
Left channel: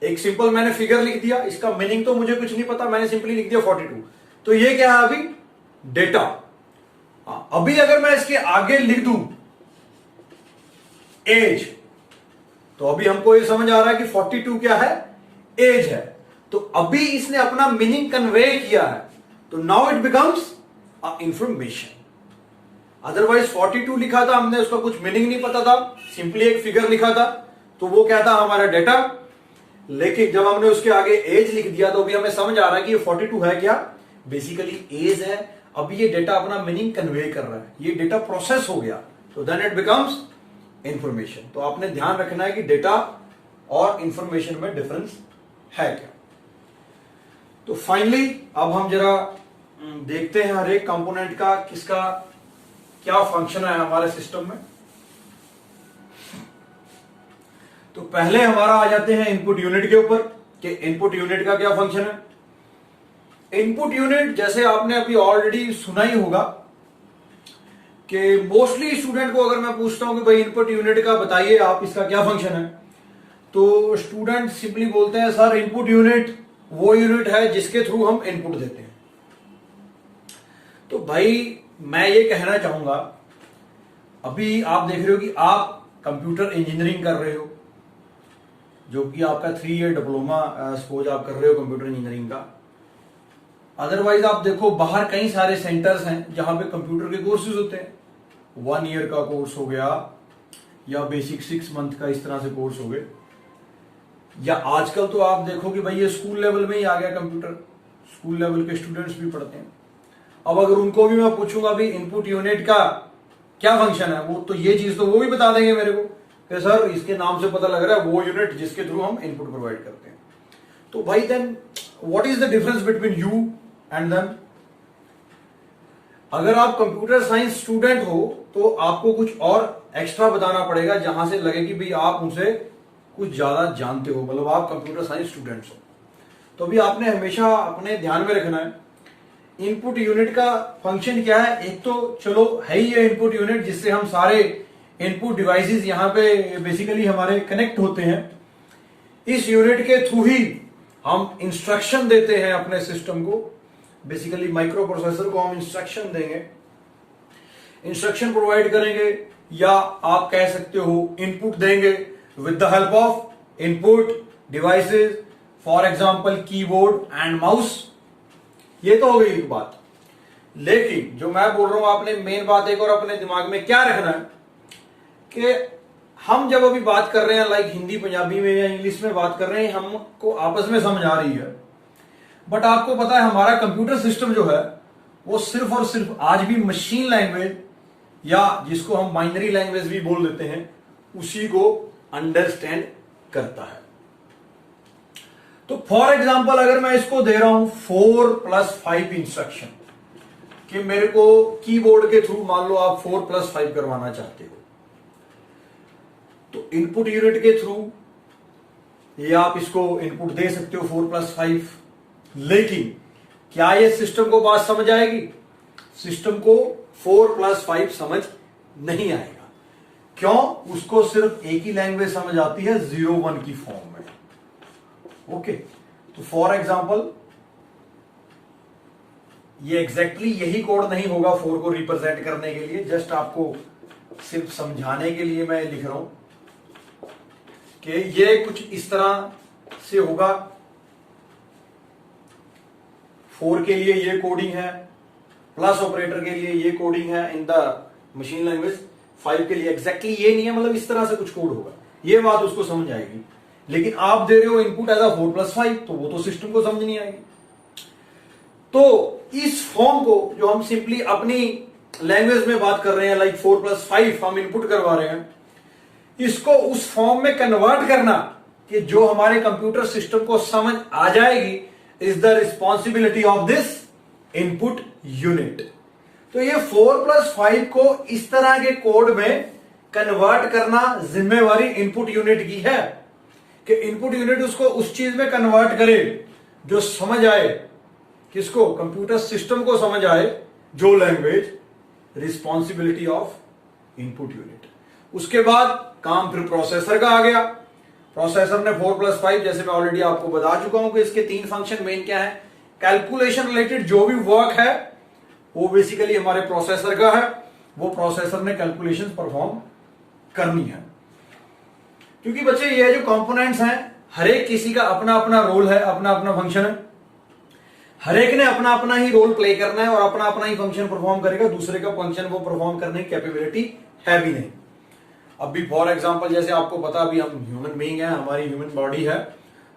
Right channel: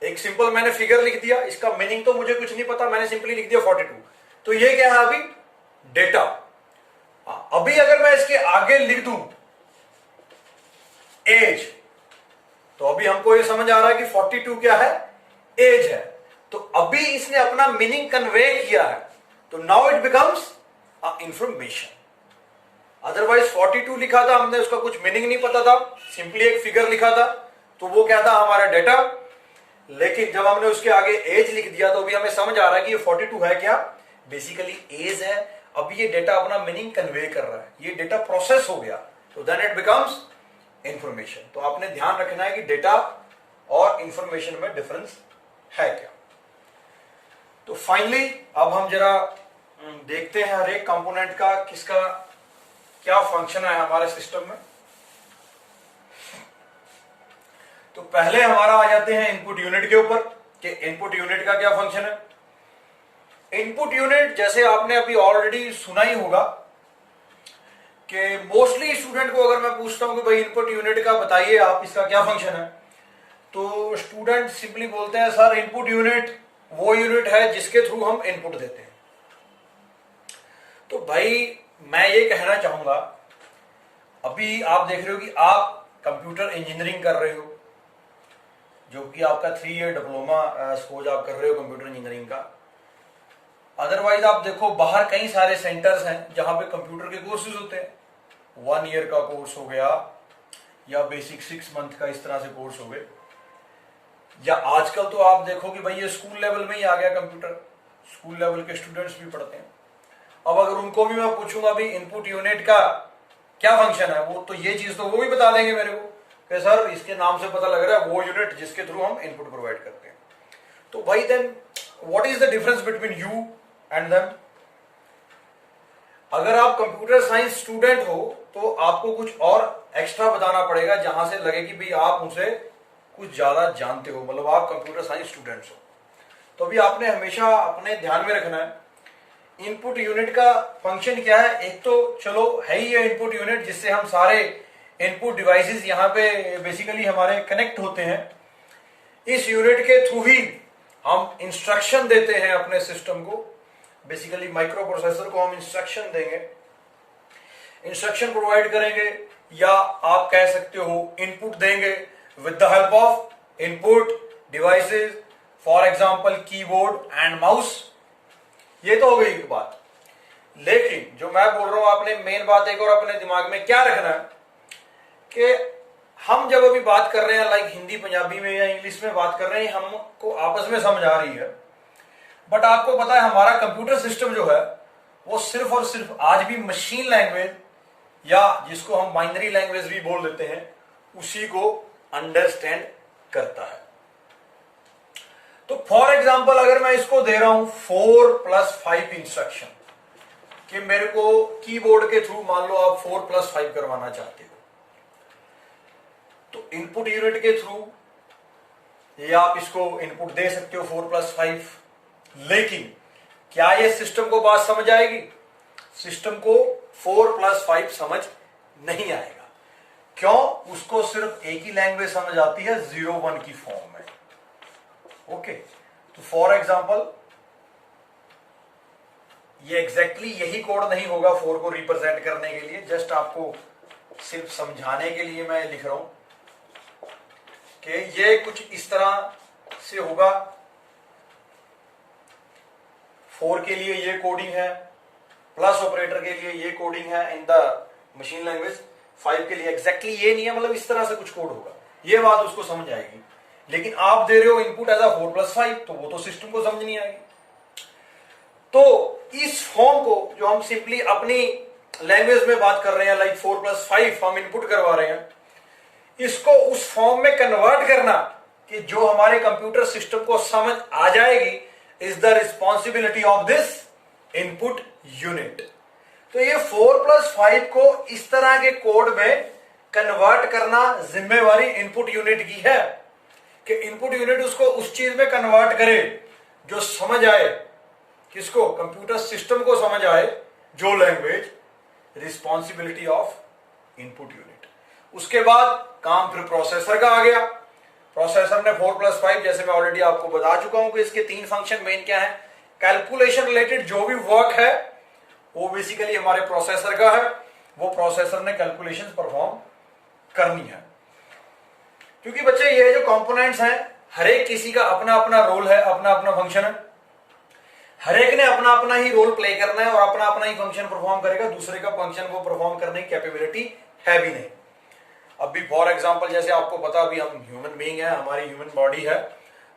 एक सिंपल मैंने फिगर लिख दिया, इसका मीनिंग तो मुझे कुछ नहीं पता, मैंने सिंपली लिख दिया 42। तो ये क्या है अभी, डेटा। अभी अगर मैं इसके आगे लिख दूं एज, तो अभी हमको ये समझ आ रहा है कि 42 क्या है, एज है। तो अभी इसने अपना मीनिंग कन्वे किया है, तो now it becomes information. Otherwise 42 लिखा था हमने, उसका कुछ मीनिंग नहीं पता था, सिंपली एक फिगर लिखा था, तो वो क्या था, हमारा डेटा। लेकिन जब हमने उसके आगे एज लिख दिया, तो अभी हमें समझ आ रहा है कि ये 42 है क्या, बेसिकली एज है। अभी ये डेटा अपना मीनिंग कन्वे कर रहा है, ये डेटा प्रोसेस हो गया, तो देन इट बिकम्स इंफॉर्मेशन। तो आपने ध्यान रखना है कि डेटा और इंफॉर्मेशन में डिफरेंस है क्या। तो फाइनली अब हम जरा देखते हैं हर एक कंपोनेंट का किसका क्या फंक्शन है हमारे सिस्टम में। तो पहले हमारा आ जाते हैं इनपुट यूनिट के ऊपर, कि इनपुट यूनिट का क्या फंक्शन है। इनपुट यूनिट जैसे आपने अभी ऑलरेडी सुना ही होगा कि मोस्टली स्टूडेंट को अगर मैं पूछता हूं कि भाई इनपुट यूनिट का बताइए आप, इसका क्या फंक्शन है, तो स्टूडेंट सिंपली बोलते हैं सर इनपुट यूनिट वो यूनिट है जिसके थ्रू हम इनपुट देते हैं। तो भाई मैं ये कहना चाहूंगा, अभी आप देख रहे हो कि आप कंप्यूटर इंजीनियरिंग कर रहे हो, जो कि आपका 3 ईयर डिप्लोमा सपोज आप कर रहे हो कंप्यूटर इंजीनियरिंग का। अदरवाइज आप देखो बाहर कई सारे सेंटर्स हैं जहां पे कंप्यूटर के कोर्सेज होते हैं, 1 ईयर का कोर्स हो गया या बेसिक 6 मंथ का, इस तरह से कोर्स हो गए। या आजकल तो आप देखो कि भाई ये स्कूल लेवल में ही आ गया कंप्यूटर, स्कूल लेवल के स्टूडेंट्स भी पढ़ते हैं। अब अगर उनको भी मैं पूछूंगा भाई इनपुट यूनिट का क्या फंक्शन है, वो तो ये चीज तो वो भी बता देंगे मेरे को कि सर इसके नाम से पता लग रहा है वो यूनिट जिसके थ्रू हम इनपुट प्रोवाइड करते हैं। तो भाई then what is the difference between you and them. अगर आप कंप्यूटर साइंस स्टूडेंट हो तो आपको कुछ और एक्स्ट्रा बताना पड़ेगा, जहां से लगे कि भाई आप उनसे कुछ ज्यादा जानते हो, मतलब आप कंप्यूटर साइंस स्टूडेंट्स हो। तो अभी आपने हमेशा अपने ध्यान में रखना है इनपुट यूनिट का फंक्शन क्या है। एक तो चलो है ही ये इनपुट यूनिट जिससे हम सारे इनपुट डिवाइसेस यहां पे बेसिकली हमारे कनेक्ट होते हैं। इस यूनिट के थ्रू ही हम इंस्ट्रक्शन देते हैं अपने सिस्टम को, बेसिकली माइक्रो प्रोसेसर को हम इंस्ट्रक्शन देंगे, इंस्ट्रक्शन प्रोवाइड करेंगे, या आप कह सकते हो इनपुट देंगे with the help of input devices, for example keyboard and mouse. ये तो हो गई एक बात। लेकिन जो मैं बोल रहा हूं, आपने मेन बात एक और अपने दिमाग में क्या रखना है कि हम जब अभी बात कर रहे हैं लाइक हिंदी पंजाबी में या इंग्लिश में बात कर रहे हैं, हमको आपस में समझ आ रही है, बट आपको पता है हमारा कंप्यूटर सिस्टम जो है वो सिर्फ और सिर्फ आज भी मशीन लैंग्वेज, या जिसको हम बाइनरी लैंग्वेज भी बोल देते हैं, उसी को अंडरस्टैंड करता है। तो फॉर एग्जाम्पल अगर मैं इसको दे रहा हूं 4+5 इंस्ट्रक्शन, कि मेरे को कीबोर्ड के थ्रू मान लो आप 4+5 करवाना चाहते हो, तो इनपुट यूनिट के थ्रू ये आप इसको इनपुट दे सकते हो 4+5। लेकिन क्या ये सिस्टम को बात समझ आएगी? सिस्टम को 4+5 समझ नहीं आएगा। क्यों? उसको सिर्फ एक ही लैंग्वेज समझ आती है 0-1 की फॉर्म में। ओके, तो फॉर एग्जांपल ये एग्जैक्टली यही कोड नहीं होगा 4 को रिप्रेजेंट करने के लिए, जस्ट आपको सिर्फ समझाने के लिए मैं लिख रहा हूं कि ये कुछ इस तरह से होगा। 4 के लिए ये कोडिंग है, प्लस ऑपरेटर के लिए ये कोडिंग है इन द मशीन लैंग्वेज, 5 के लिए एग्जैक्टली ये नहीं है, मतलब इस तरह से कुछ कोड होगा। ये बात उसको समझ आएगी। लेकिन आप दे रहे हो इनपुट एज अ 4+5, तो वो तो सिस्टम को समझ नहीं आएगी। तो इस फॉर्म को जो हम सिंपली अपनी लैंग्वेज में बात कर रहे हैं, लाइक 4+5 हम इनपुट करवा रहे हैं, इसको उस फॉर्म में कन्वर्ट करना कि जो हमारे कंप्यूटर सिस्टम को समझ आ जाएगी, is the responsibility of this input unit. तो ये 4+5 को इस तरह के कोड में कन्वर्ट करना जिम्मेवारी इनपुट यूनिट की है, कि इनपुट यूनिट उसको उस चीज में कन्वर्ट करे जो समझ आए, किसको? कंप्यूटर सिस्टम को समझ आए, जो language, responsibility of input unit. उसके बाद काम फिर प्रोसेसर का आ गया। प्रोसेसर ने 4+5, जैसे मैं ऑलरेडी आपको बता चुका हूं कि इसके 3 फंक्शन मेन क्या है। कैलकुलेशन रिलेटेड जो भी वर्क है वो बेसिकली हमारे प्रोसेसर का है, वो प्रोसेसर ने कैलकुलेशन परफॉर्म करनी है। क्योंकि बच्चे ये जो कंपोनेंट्स हैं, हर एक किसी का अपना अपना रोल है, अपना अपना फंक्शन है, हर एक ने अपना अपना ही रोल प्ले करना है और अपना अपना ही फंक्शन परफॉर्म करेगा। दूसरे का फंक्शन वो परफॉर्म करने की कैपेबिलिटी है भी नहीं। अभी फॉर एग्जांपल जैसे आपको पता, अभी हम ह्यूमन बीइंग है, हमारी ह्यूमन बॉडी है,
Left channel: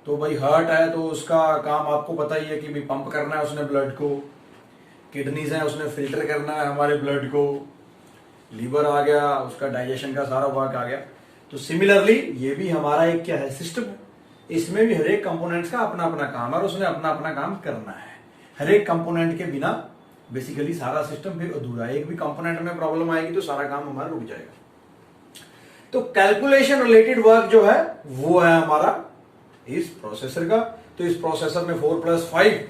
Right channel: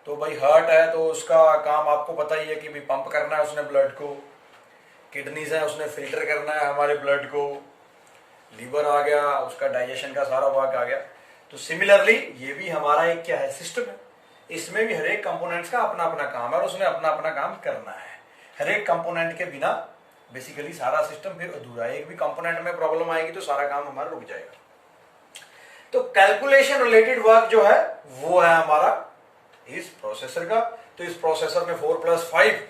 तो भाई हार्ट है तो उसका काम आपको पता ही है कि भाई पंप करना है उसने ब्लड को, किडनीज है उसने फिल्टर करना है हमारे ब्लड को, लीवर आ गया, उसका डाइजेशन का सारा वर्क आ गया। तो सिमिलरली ये भी हमारा एक क्या है, सिस्टम है। इसमें भी हर एक कंपोनेंट्स का अपना अपना काम है और उसने अपना अपना काम करना है। हर एक कंपोनेंट के बिना बेसिकली सारा सिस्टम फिर अधूरा है। एक भी कंपोनेंट में प्रॉब्लम आएगी तो सारा काम हमारा रुक जाएगा। तो कैलकुलेशन रिलेटेड वर्क जो है वो है हमारा इस प्रोसेसर का। तो इस प्रोसेसर में 4+5,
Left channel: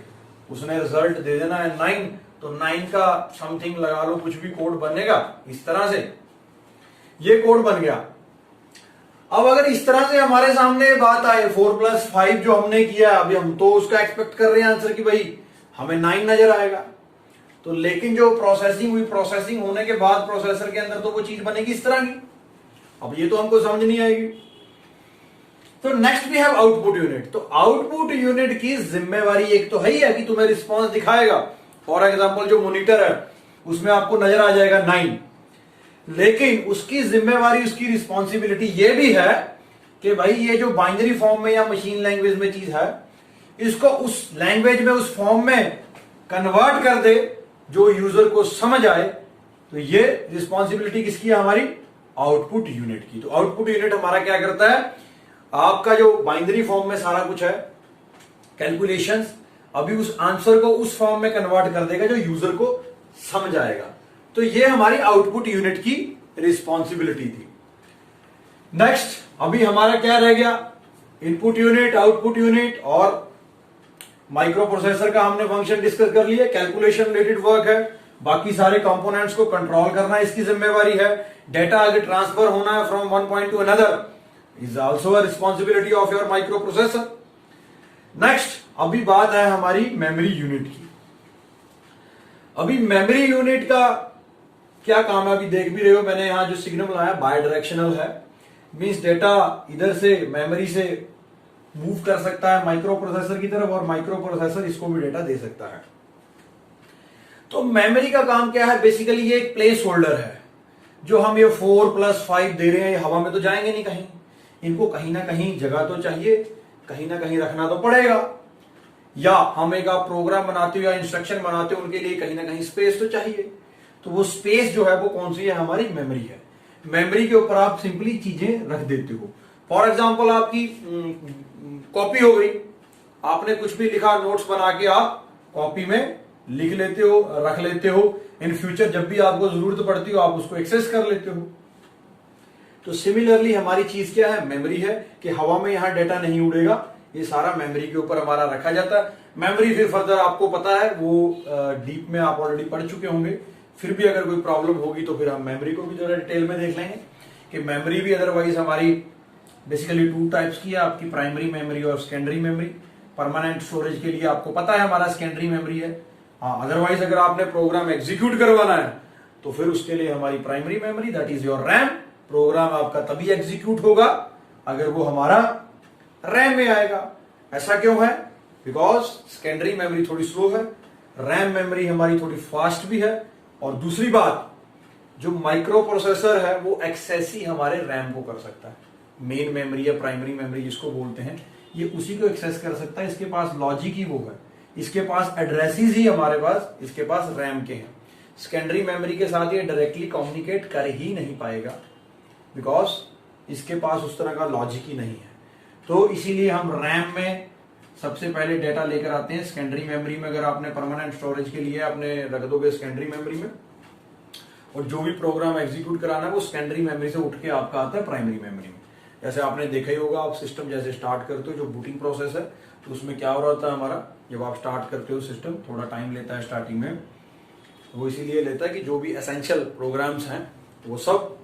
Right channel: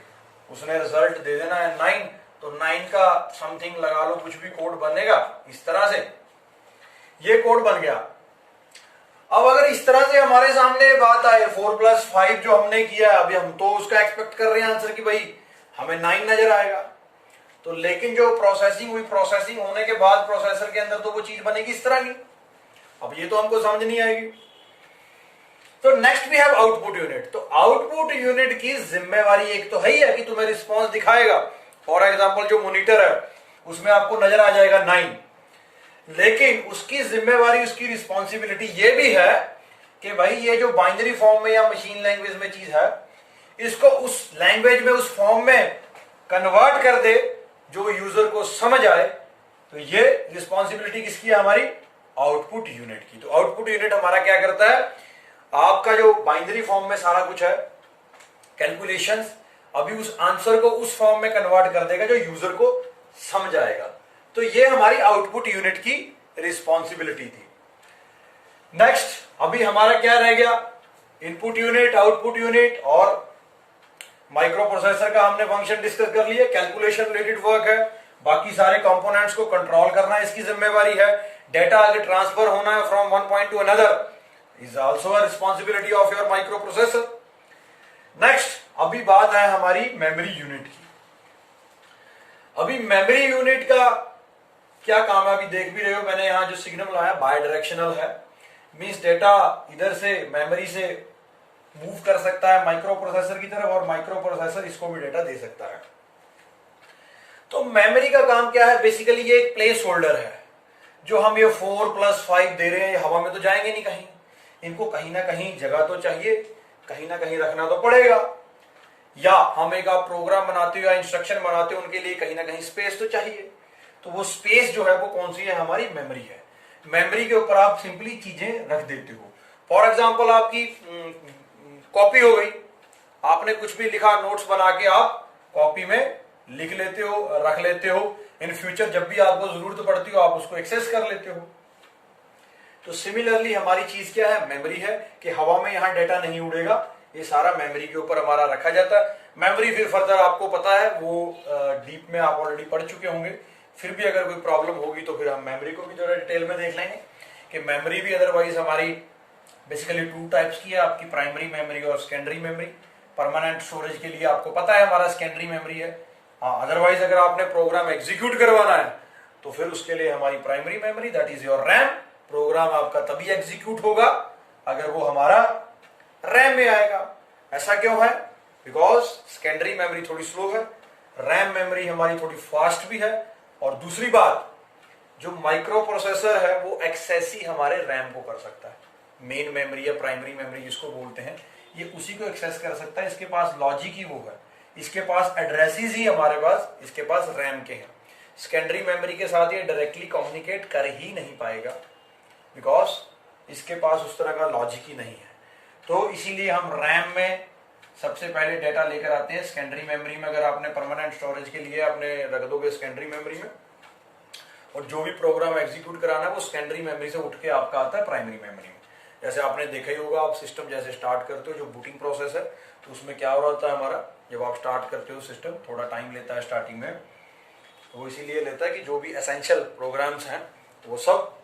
उसने रिजल्ट दे देना है 9, तो 9 का समथिंग लगा लो, कुछ भी कोड बनेगा इस तरह से। ये कोड बन गया। अब अगर इस तरह से हमारे सामने बात आए 4+5 जो हमने किया, अभी हम तो उसका एक्सपेक्ट कर रहे हैं आंसर कि भाई हमें 9 नजर आएगा, तो लेकिन जो प्रोसेसिंग हुई, प्रोसेसिंग होने के बाद प्रोसेसर के अंदर तो वो चीज बनेगी इस तरह की। अब ये तो हमको समझ नहीं आएगी। तो next we have output unit. तो आउटपुट यूनिट की जिम्मेवारी एक तो है ही है कि तुम्हें रिस्पॉन्स दिखाएगा। फॉर एग्जांपल जो मॉनिटर है उसमें आपको नजर आ जाएगा 9, लेकिन उसकी जिम्मेवारी, उसकी रिस्पॉन्सिबिलिटी ये भी है कि भाई ये जो बाइनरी फॉर्म में या मशीन लैंग्वेज में चीज है, इसको उस लैंग्वेज में, उस फॉर्म में कन्वर्ट कर दे जो यूजर को समझ आए। तो ये रिस्पॉन्सिबिलिटी किसकी है? हमारी आउटपुट यूनिट की। तो आउटपुट यूनिट हमारा क्या करता है, आपका जो बाइनरी फॉर्म में सारा कुछ है कैलकुलेशंस, अभी उस आंसर को उस फॉर्म में कन्वर्ट कर देगा जो यूजर को समझ आएगा। तो ये हमारी आउटपुट यूनिट की रिस्पॉन्सिबिलिटी थी। नेक्स्ट अभी हमारा क्या रह गया, इनपुट यूनिट, आउटपुट यूनिट और माइक्रो प्रोसेसर का हमने फंक्शन डिस्कस कर लिया। कैलकुलेशन रिलेटेड वर्क है, बाकी सारे कंपोनेंट्स को कंट्रोल करना इसकी जिम्मेवारी है। डेटा आगे ट्रांसफर होना है from one point two another is also a responsibility of your micro processor. Next अभी बात है हमारी मेमोरी यूनिट की। अभी मेमोरी यूनिट का क्या काम है, अभी देख भी रहे हो मैंने यहां जो सिग्नल लाया बाय डायरेक्शनल है, मींस डेटा इधर से मेमोरी से मूव कर सकता है माइक्रो प्रोसेसर की तरफ और माइक्रो प्रोसेसर इसको भी डेटा दे सकता है। तो मेमोरी का काम क्या है, बेसिकली ये एक प्लेस होल्डर है। जो हम ये 4+5 दे रहे हैं, ये हवा में तो जाएंगे नहीं कहीं, इनको कहीं ना कहीं जगह तो चाहिए, कहीं ना कहीं रखना तो पड़ेगा, या हम एक आप प्रोग्राम बनाते हो या इंस्ट्रक्शन बनाते हो उनके लिए कहीं ना कहीं स्पेस तो चाहिए। तो वो स्पेस जो है वो कौन सी है, हमारी मेमोरी है। मेमोरी के ऊपर आप सिंपली चीजें रख देते हो। फॉर एग्जाम्पल आपकी कॉपी हो गई, आपने कुछ भी लिखा, नोट्स बना के आप कॉपी में लिख लेते हो, रख लेते हो, इन फ्यूचर जब भी आपको जरूरत पड़ती हो आप उसको एक्सेस कर लेते हो। तो सिमिलरली हमारी चीज क्या है, मेमोरी है, कि हवा में यहां डेटा नहीं उड़ेगा, ये सारा मेमोरी के ऊपर हमारा रखा जाता है। मेमोरी फिर फर्दर आपको पता है वो डीप में आप ऑलरेडी पढ़ चुके होंगे, फिर भी अगर कोई प्रॉब्लम होगी तो फिर हम मेमोरी को भी जरा डिटेल में देख लेंगे कि मेमोरी भी अदरवाइज हमारी बेसिकली 2 टाइप्स की है, आपकी प्राइमरी मेमोरी और सेकेंडरी मेमोरी। परमानेंट स्टोरेज के लिए आपको पता है हमारा सेकेंडरी मेमोरी है, हाँ अदरवाइज अगर आपने प्रोग्राम एग्जीक्यूट करवाना है तो फिर उसके लिए हमारी primary memory that is your RAM. Program आपका तभी एग्जीक्यूट होगा अगर वो हमारा रैम में आएगा। ऐसा क्यों है, बिकॉज सेकेंडरी मेमोरी थोड़ी स्लो है, रैम मेमोरी हमारी थोड़ी फास्ट भी है, और दूसरी बात जो माइक्रो प्रोसेसर है वो एक्सेस ही हमारे रैम को कर सकता है। मेन मेमोरी या प्राइमरी मेमोरी जिसको बोलते हैं, ये उसी को एक्सेस कर सकता है, इसके पास लॉजिक ही वो है, इसके पास एड्रेसेस ही हमारे पास, इसके पास रैम के हैं। सेकेंडरी मेमोरी के साथ ये डायरेक्टली कम्युनिकेट कर ही नहीं पाएगा, बिकॉज इसके पास उस तरह का लॉजिक ही नहीं है। तो इसीलिए हम रैम में सबसे पहले डेटा लेकर आते हैं। सेकेंडरी मेमोरी में अगर आपने परमानेंट स्टोरेज के लिए आपने रख दोगे सेकेंडरी मेमोरी में, और जो भी प्रोग्राम एग्जीक्यूट कराना है वो सेकेंडरी मेमोरी से उठ के आपका आता है प्राइमरी मेमोरी में। जैसे आपने देखा ही होगा, आप सिस्टम जैसे स्टार्ट करते हो, जो बूटिंग प्रोसेस है, तो उसमें क्या हो रहा होता है हमारा, जब आप स्टार्ट करते हो सिस्टम थोड़ा टाइम लेता है स्टार्टिंग में, वो इसीलिए लेता है कि जो भी एसेंशियल प्रोग्राम्स हैं वो सब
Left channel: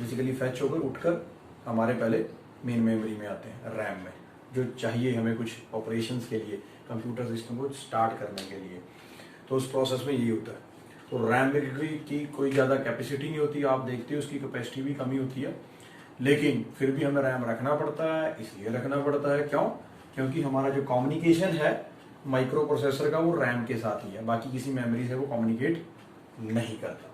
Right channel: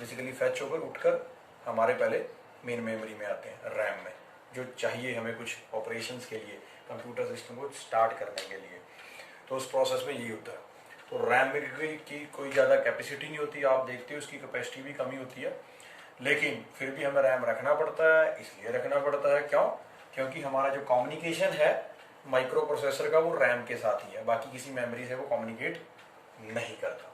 बेसिकली फैच होकर उठकर हमारे पहले मेन मेमोरी में आते हैं, रैम में, जो चाहिए हमें कुछ ऑपरेशंस के लिए, कंप्यूटर सिस्टम को स्टार्ट करने के लिए। तो उस प्रोसेस में ये होता है। तो रैम में की कोई ज़्यादा कैपेसिटी नहीं होती, आप देखते हो उसकी कैपेसिटी भी कमी होती है, लेकिन फिर भी हमें रैम रखना पड़ता है। इसलिए रखना पड़ता है क्यों, क्योंकि हमारा जो कम्युनिकेशन है माइक्रो प्रोसेसर का वो रैम के साथ ही है, बाकी किसी मेमोरी से वो कम्युनिकेट नहीं करता।